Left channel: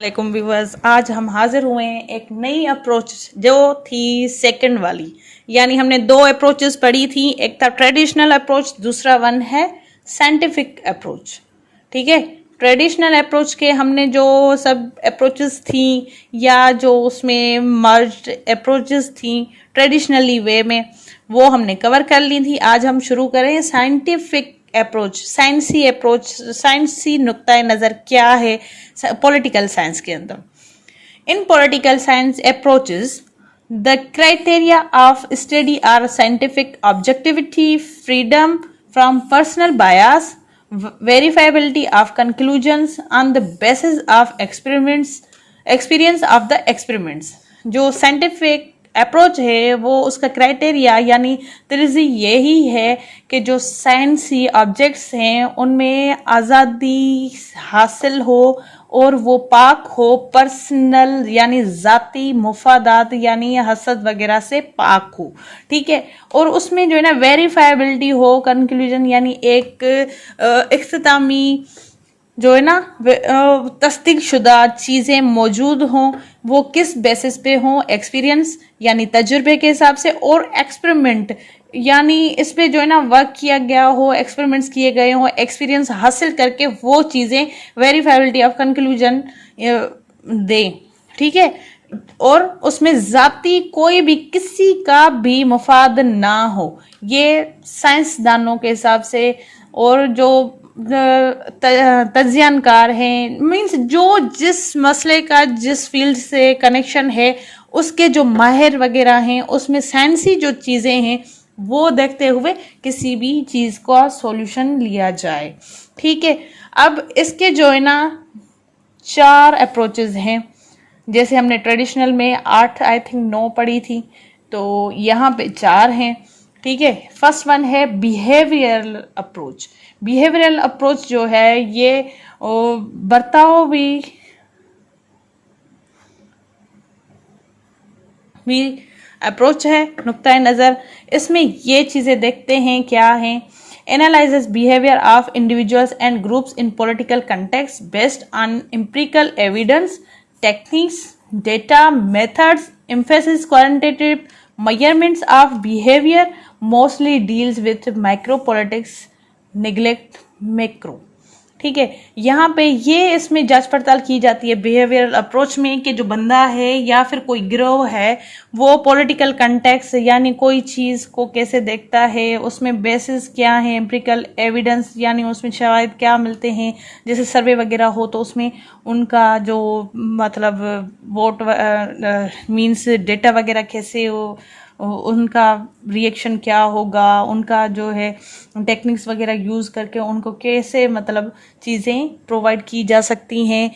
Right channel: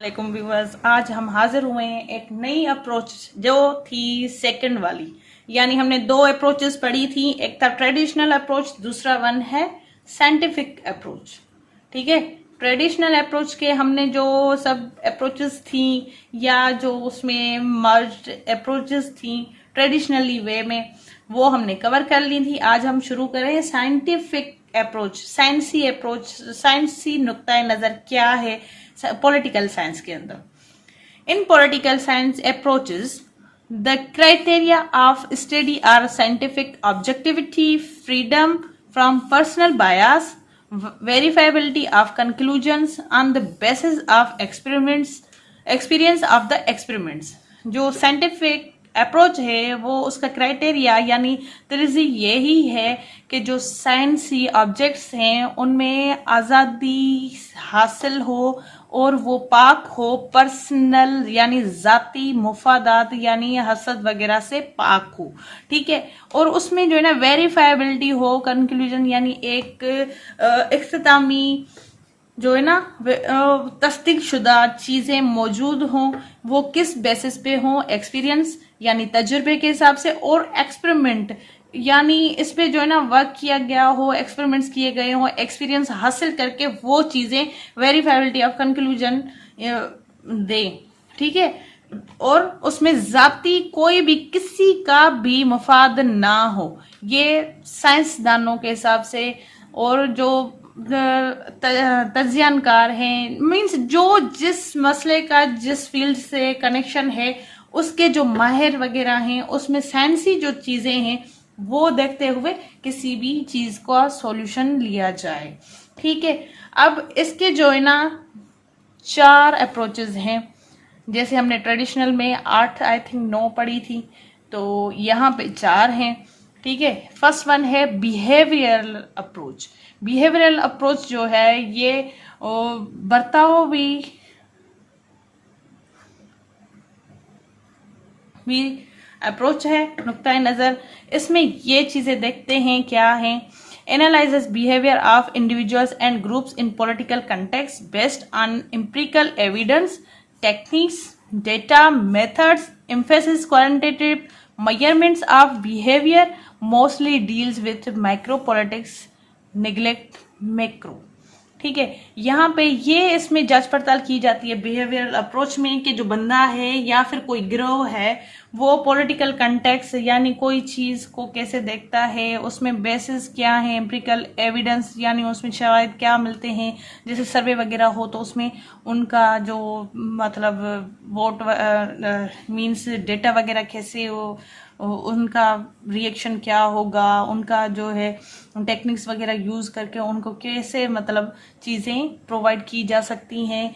वालेकुम व्यूवर्स, आज हम हाजिर हुए हैं एक नई अप्रोच जो थी सेकंड वाली। यानी हमने दो अप्रोचेस पढ़ी थी, एक था ट्रेडिशनल अप्रोच, दूसरा वन है साइंटिफिक अप्रोच। ठीक है, ट्रेडिशनल अप्रोच के हमने जो सब अप्रोचेस थी या जो उसमें मर्ज्ड अप्रोचेस थी ट्रेडिशनली वे में, वो हमने कवर कर ली थी। आज हम शुरू करें साइंटिफिक अप्रोच, साइंसी अप्रोच, साइंसी नुक्ता नज़र क्या है पॉलिटिकल साइंस के अंदर। In political science approaches the criteria of study are scientific objectivity, freedom from personal bias, verifiability of conclusions on the basis of experience of the experiments। जो scientific approach है वो उसका क्राइटेरिया यानी तर्जी यही है कि जो साइंसी ऑब्जेक्ट्स हैं उनमें आज़ादी हासिल हो और वो पाक हो, पर्सनल यानी ज़ाती मुफादात यानी हसद वगैरह से पाक हो। ठीक है, और उसमें जो है ना वेरीफाइबिलिटी हो, कंक्लूजन यानी एक इख्तितामी जो है ना तस्दीक शुदा चीज़ें मौजूद हों। वो किस बेसिस पे हों? एक्सपीरियंस यानी तजुर्बे के हिसाब से, और एक्सपेरिमेंट यानी इस पे जो है ना वर्क किया गया हो, एक्सपेरिमेंट्स किए गए हो, एक्सपीरियंस हासिल करके वो चीज़ें वेरीफाइबिलिटी ऑफ कंक्लूजन दे। ठीक है, और उसमें जाती कोई भी किसी का भी मफाद ना हो, ये साइंसदानों के हिसाब से और जो तज्जियानकार हैं, मीन्स जो जिस मसले का जिस फील्ड से कनेक्शन है उसके जो माहिर वगैरह हैं, उसमें साइंसी जो चीज़ें हैं वो देखते हुए किसी भी चीज़ का सॉल्यूशन लिया जाए। ठीक है, अब इसके जो है ना 4 अप्रोचेस हैं। जैसे हमने ट्रेडिशनल में 8 आई थिंक 9 पढ़ी थी, तो यहाँ पे 4 हैं। ठीक है, फर्स्ट वन है बिहेवियरल अप्रोच। बिहेवियरल अप्रोच जो है ये बर्तावी अप्रोच है, नुक्ता नज़र। इसमें ये चीज़ें देखते हैं क्या हैं, analyses behaviour of individuals and groups in political context based on empirical evidence, techniques, data, methods, emphasis, qualitative measurements of behavior, mostly deals with micro politics, neglect macro। ठीक है, यहाँ पे ये इसमें जांच पड़ताल की जाती है बिहेवियरल अप्रोच में कि जो बंदा है या फिर कोई गिरोह है वो पॉलिटिकल कंटेक्स्ट यानी कोई चीज़ को कैसे देखता है, उसमें बेसिस क्या है, एम्पिरिकल एविडेंस यानी उसमें शायद क्या मिलते हैं, जैसे सर्वे वगैरह हो तो उसमें उनका जो मतलब वोट मीन्स डेटा वगैरह कैसे हो, उनका रिएक्शन क्या होगा, उनका जो है टेक्निक्स वगैरह यूज़ करके उनको कैसे मतलब चीज़ें प्रोवाइड की जा सकती हैं।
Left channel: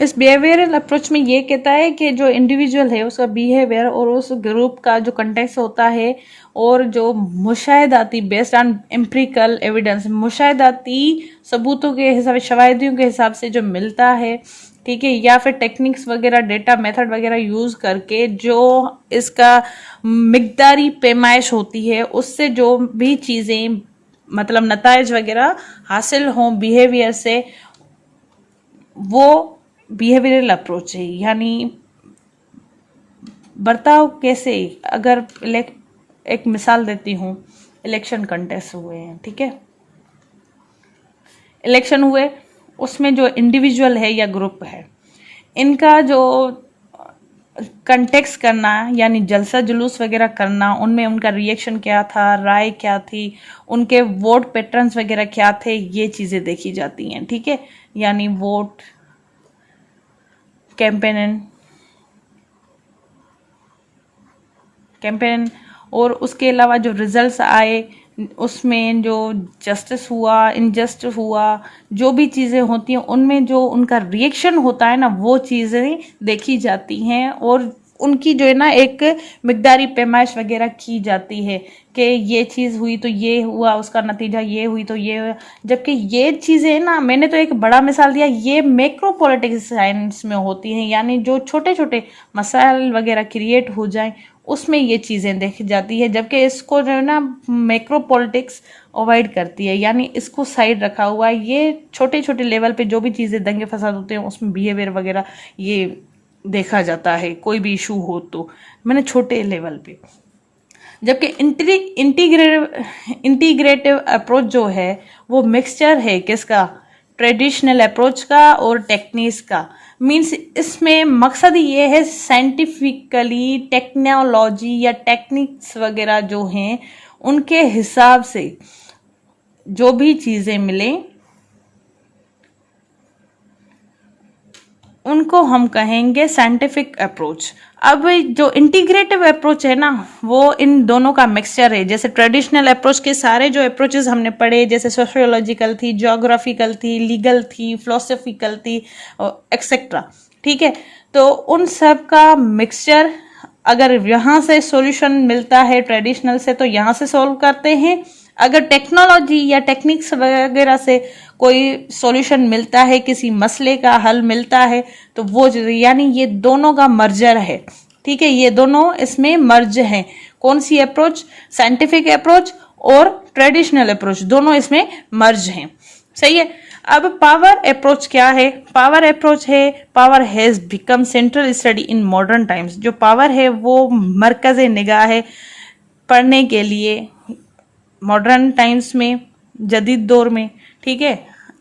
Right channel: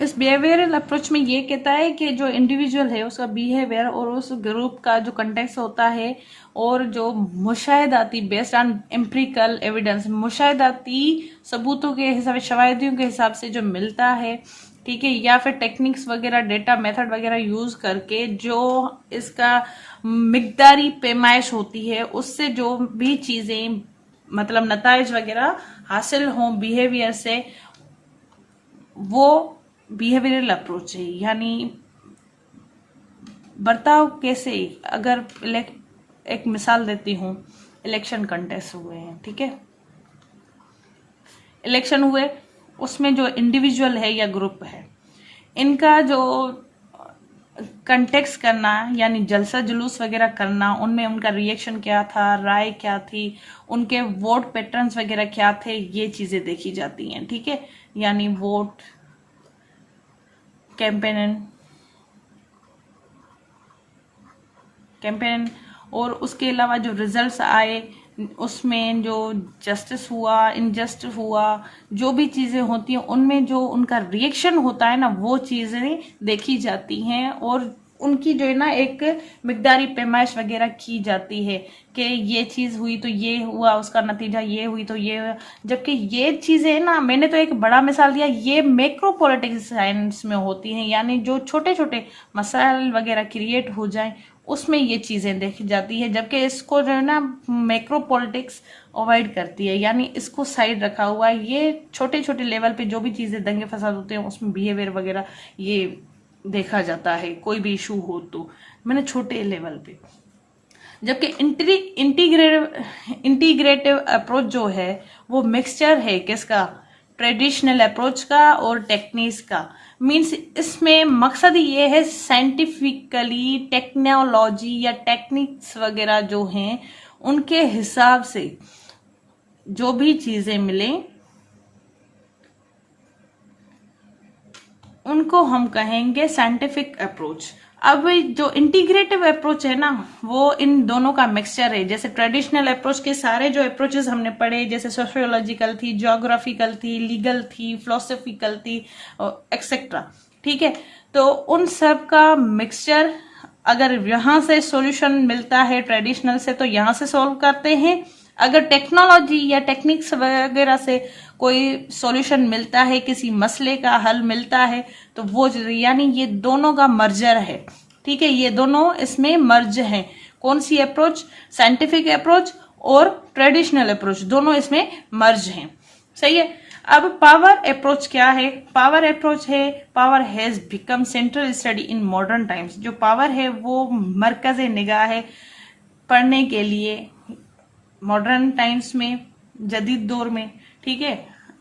इस बिहेवियरल अप्रोच में ये कहता है कि जो इंडिविजुअल है उसका बिहेवियर और उस ग्रुप का जो कंटेक्स्ट होता है और जो मुशाहिदाती बेस्ड ऑन एम्पिरिकल एविडेंस, मुशाहिदाती सबूतों के हिसाब, शवाहिदियों के हिसाब से जो मिलता है, ठीक है, या फिर टेक्निक्स वगैरह, डेटा, मेथड वगैरह यूज़ करके जो इसका मिकदारी पैमाइश होती है उससे जो भी चीज़ें मतलब नताइज वगैरह हासिल हों बिहेवियर से, वो बिहेवियरल अप्रोच है। यानी बर्ताव कैसे, अगर एक मिसाल देती हूँ, इलेक्शन कंटेस्ट हुए हैं, ठीक है, इलेक्शन हुए, उसमें जो इंडिविजुअल है या ग्रुप है, इनका जो कंटेक्स्ट करना यानी जलसा जुलूस वगैरह करना, उनमें उनका रिएक्शन क्या था, राय क्या थी, उनके वोट पैटर्न्स वगैरह क्या थे, ये चीज़ें देखी जाती हैं। ठीक है, यानी वोट कैंपेन और उसके अलावा जो रिजल्ट्स आए उसमें जो जस्टिस हुआ, इनजस्टिस हुआ, जो भी चीज़ें होती हैं उनमें जो उनका रिएक्शन होता है ना, वो चीज़ें देखी जाती हैं और उनकी जो है ना एक मिकदारी पैमाइश वगैरह की जाती है कि ये चीज़ हुई तो ये हुआ, उसका नतीजा ये हुई तो ये हुआ। जबकि ये चीज़ें ना, मैंने तो एक बड़ा मिसाल दिया, ये मैक्रो पॉलिटिक्स साइंस में होती हैं, यानी जो छोटे छोटे मसाइल वगैरह क्रिएट हो जाएं उसमें ये चीज़ें देखी जाती है, जबकि इसको जो है ना मैक्रो पॉलिटिक्स अवॉइड करती है, यानी इसको साइड रखा हुआ है। ये छोटे छोटे लेवल पे जो भी चीज़ें दंगे फसाद होते हैं उसमें बिहेवियर वगैरह ये देखा जाता है, कोई भी इशू हो तो मैंने छोटे लेवल पे। जबकि इंटीग्रेटिव अप्रोच जो है वो मिक्सचर है किसका, ट्रेडिशनल अप्रोच का और टेक्निक्स का। मीन्स इसमें मकसद ये है साइंटिफिकली टेक्नोलॉजी या टेक्निक्स वगैरह जो हैं उनके हिसाब से जो भी चीजें मिलें उनको हम कहेंगे साइंटिफिक अप्रोच। अब जो इंटीग्रेटिव अप्रोच है ना वो इन दोनों का मिक्सचर है। जैसे ट्रेडिशनल अप्रोच के सारे जो अप्रोचेस हमने पढ़े, जैसे सोशियोलॉजिकल थी, ज्योग्राफिकल थी, लीगल थी, फिलोसफिकल थी, एक्सेट्रा, ठीक है। तो उन सब का मिक्सचर, अगर यहाँ से सॉल्यूशन मिलता है ट्रेडिशनल से तो यहाँ से सॉल्व करते हैं, अगर टेक्नोलॉजी या टेक्निक्स वगैरह से कोई सॉल्यूशन मिलता है, किसी मसले का हल मिलता है तो वो, यानी ये दोनों का मर्जर है, ठीक है। ये दोनों इसमें मर्ज हैं। कौन सी अप्रोच, साइंटिफिक अप्रोच और ट्रेडिशनल अप्रोच, दोनों इसमें मर्ज हैं, सही है। अब पावर अप्रोच क्या है? पावर अप्रोच है, power has become central study in modern times. जो पावर है वो मरकज निगाह है पढ़ने के लिए मॉडर्न टाइम्स में, जदीद दौर में, ठीक है।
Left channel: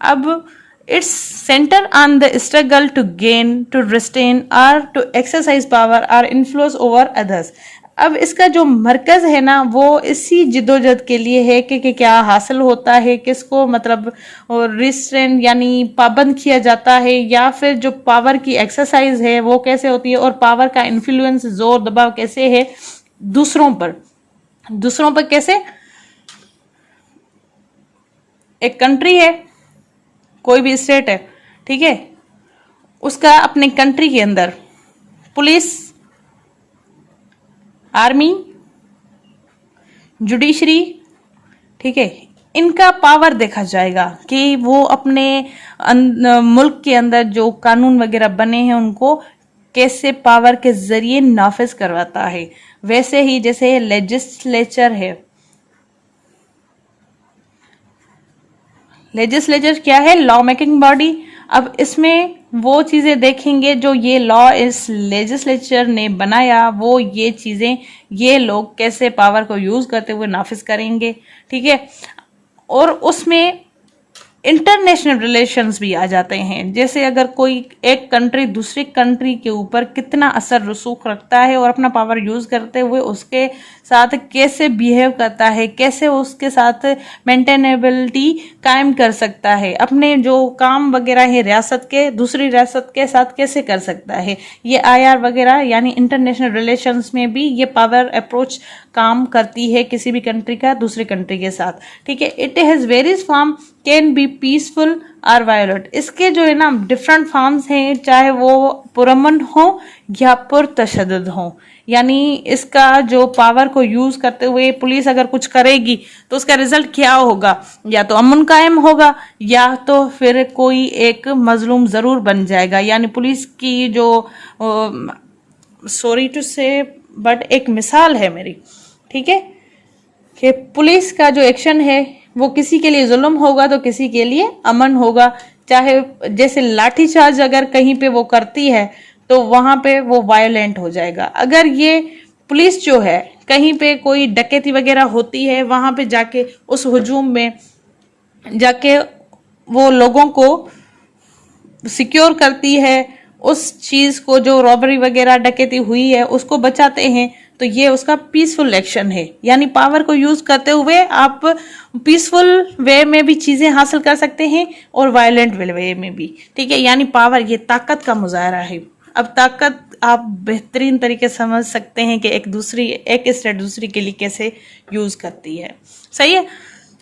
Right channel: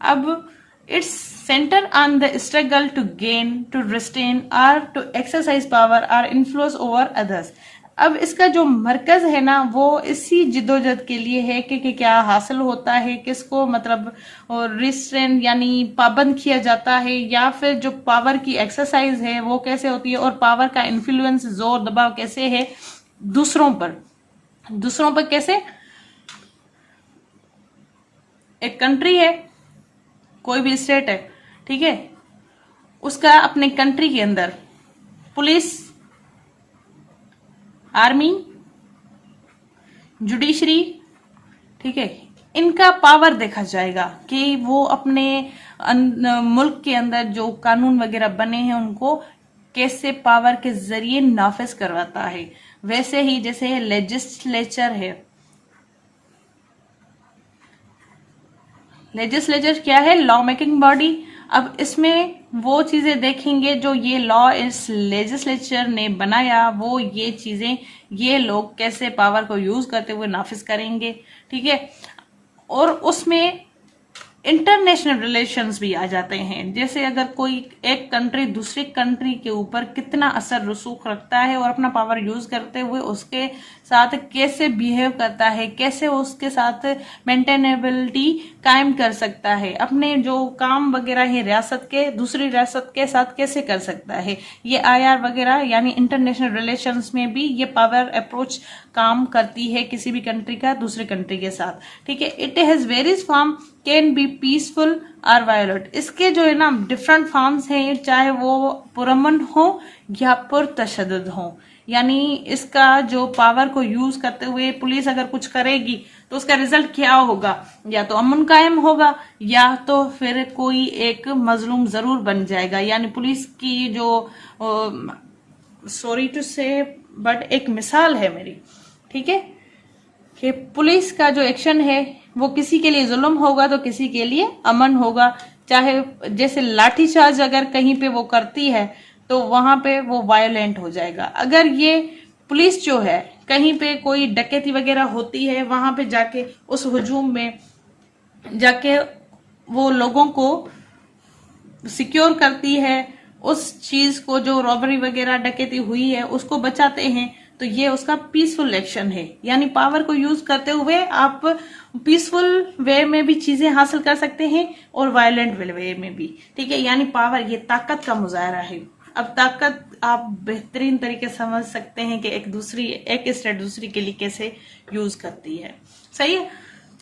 अब it's centre on the struggle to gain, to retain और टू एक्सरसाइज पावर और इन्फ्लुएंस ओवर अदर्स। अब इसका जो मरकज है ना वो इसी जिदोजहद के लिए है कि क्या हासिल होता है, किसको मतलब रिस्ट्रेन यानी पाबंद किया जाता है, या फिर जो पावर की एक्सरसाइज है वो कैसे होती है, और पावर का इन्फ्लुएंस, जोर दबाव कैसे है दूसरों पर कैसे। एक कंट्री है, कोई भी स्टेट है, ठीक है, उसका अपने कंट्री के अंदर पुलिस, आर्मी, जुडिशरी, ठीक है, इनका पावर देखा जाएगा कि वो अपने मुल्क के अंदर जो कानून वगैरह बने हैं उनको कैसे पावर के जरिए नाफिज करवाता है। वैसे ही जैसे लेजिस्लेचर है, लेजिस्लेचर क्या है, लॉ मेकिंग बॉडी। अब इसमें वो चीजें देखेंगे जो ये लॉ इस लेजिस्लेचर ने बनाया, वो ये चीजें ये लोग कैसे पावर को यूज करते हुए नाफिज करेंगे, ठीक है। और उसमें इंटरनेशनल रिलेशंस भी आ जाते हैं, जैसे अगर कोई एक कंट्री दूसरी कंट्री के ऊपर कितना असर रसूख रखता है और अपना पावर यूज करते हुए उसके साथ कैसे बिहेव करता है, कैसे उसके साथ मेंटेनेबिलिटी कायम कर सकता है, अपने जो काम वगैरह है रियासत के दूसरी रियासत के साथ कैसे कर सकता है। ये IR वगैरह यानी इंटरनेशनल रिलेशंस में भी ये पावर अप्रोच काम करती है किसी भी कंट्री का दूसरी कंट्री के साथ, ठीक है। It has various form, can be peaceful और वायलेंट। इसके जो है ना डिफरेंट फॉर्म्स हैं, चाहे वो पुरअमन हो या पुरतशद्दुद हो। यानी इसका जो पावर को यूज करते हुए पुलिस अगर कुछ करेगी तो उसका रिजल्ट क्या होगा, या तो अमन कायम होगा या तो फिर कोई एक मजलूम जरूर बन जाएगा। यानी पुलिस की जो सॉरी टू से बट एक मिसाल है मेरी, ठीक है, कि पुलिस का जो एक्शन है वो किसी के लिए जुल्म होगा तो किसी के लिए अमन होगा। चाहे जैसे लाठीचार्ज अगर कहीं पे वो करती है तो वहां पे वो वायलेंट हो जाएगा। अगर ये पुलिस जो है कहीं पे कोई डकैती वगैरह होती है, वहां पे जाके उस हुजूम में जाके वो लोगों को सिक्योर करती है, उस चीज को जो रॉबरी वगैरह डकैती हुई है उसको बचाते हैं, तो ये उसका पीसफुल एक्शन है। यानी पावर को यूज करते हुए आप पीसफुल वे में भी चीजें हासिल कर सकते हैं और वायलेंट वे में भी, ठीक है। यानी पावर ये ताकत का मुजाहरा है। अब ताकत आप बेहतरीन तरीके से समझ सकते हैं कि एक स्टेट दूसरी के लिए कैसे यूज करती है, सही है।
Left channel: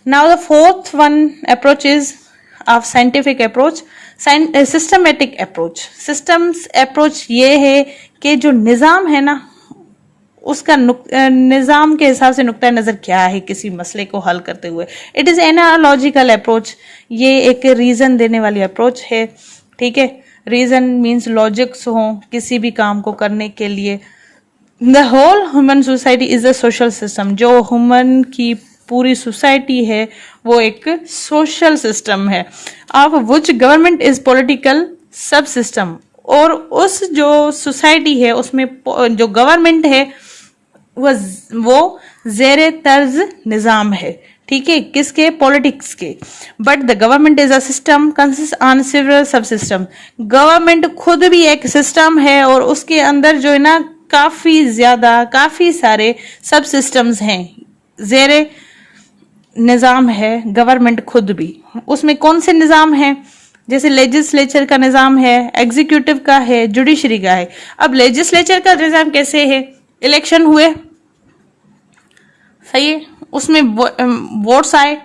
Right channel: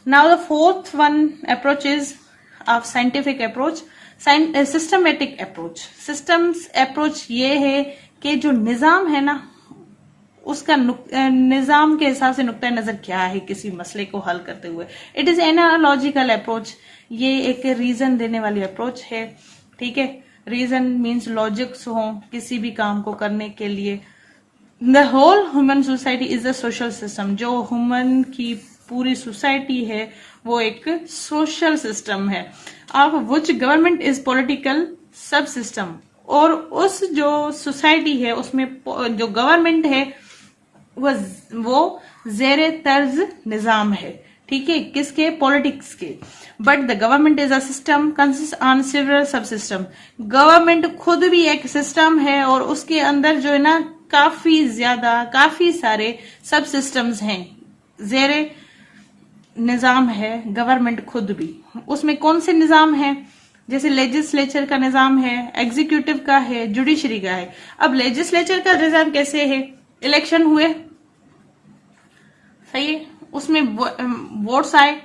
Now the fourth one approach is of scientific approach, systematic approach. Systems approach ये है कि जो निजाम है ना उसका निजाम के हिसाब से नुक्ता नजर क्या है किसी मसले को हल करते हुए। इट इज एनालॉजिकल अप्रोच, ये एक रीजन देने वाली अप्रोच है, ठीक है। रीजन मीन्स लॉजिक्स हो किसी भी काम को करने के लिए, the whole human society is a social system. जो ह्यूमन की पूरी सोसाइटी है वो एक सोशल सिस्टम है। अब विच गवर्नमेंट इज पॉलिटिकल सब सिस्टम। और उस जो सोसाइटी है उसमें जो गवर्नमेंट है वो जेरे तर्ज निज़ाम है, ठीक है, किसके? पॉलिटिक्स के। But the government is a system consist on civil sub system. Government खुद भी एक सिस्टम है और उसके अंदर जो है ना काफी सारे सब सिस्टम्स हैं, जेरे निज़ाम है गवर्नमेंट खुद भी। उसमें कौन से निज़ाम है? जैसे लेजिस्लेचर का निज़ाम है, एग्जीक्यूटिव का है, जुडिशरी का है। अब लेजिस्लेचर का निज़ाम कैसे है? इलेक्शन हुए, सही है, उसमें वोट्स आए,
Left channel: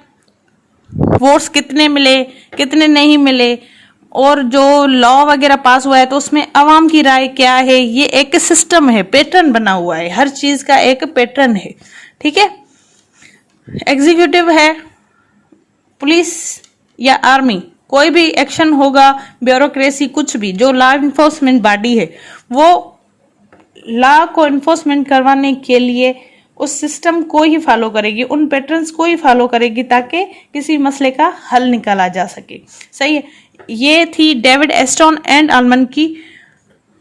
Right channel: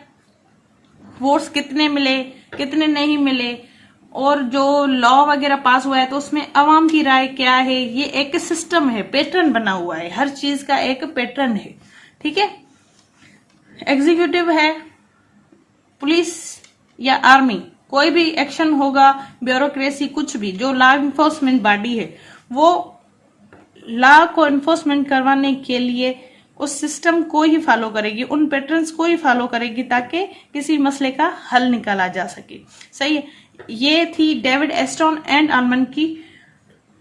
वोट्स कितने मिले कितने नहीं मिले, और जो लॉ वगैरह पास हुआ है तो उसमें अवाम की राय क्या है। ये एक सिस्टम है, पैटर्न बना हुआ है, हर चीज का एक पैटर्न है, ठीक है। एग्जीक्यूटिव है, पुलिस या आर्मी, कोई भी एक्शन होगा, ब्यूरोक्रेसी, कुछ भी, जो लॉ इन्फोर्समेंट बॉडी है वो लॉ को इन्फोर्समेंट करवाने के लिए उस सिस्टम को ही फॉलो करेगी, उन पैटर्न्स को ही फॉलो करेगी ताकि किसी मसले का हल निकाला जा सके, सही है। ये थी डेविड एस्टन एंड आलमन की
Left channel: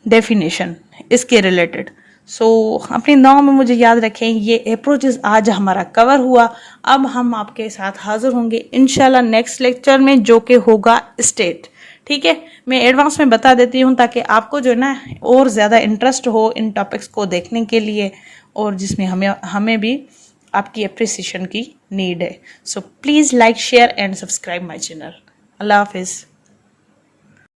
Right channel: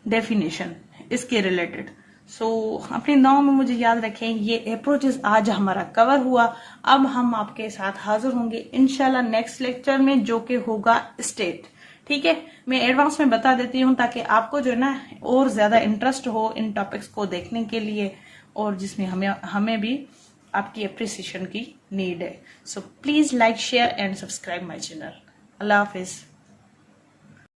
डेफिनेशन इसके रिलेटेड। सो अपनी दुआओं में मुझे याद रखें। ये अप्रोचेस आज हमारा कवर हुआ। अब हम आपके साथ हाजिर होंगे इंशाल्लाह नेक्स्ट लेक्चर में, जो कि होगा स्टेट, ठीक है। मैं एडवांस में बता देती हूँ ताकि आपको जो है ना और ज़्यादा इंटरेस्ट हो इन टॉपिक्स को देखने के लिए, और जिसमें हमें भी आपकी अप्रिसिएशन की नीड है। So please like, share and subscribe my channel. अल्लाह हाफिज़।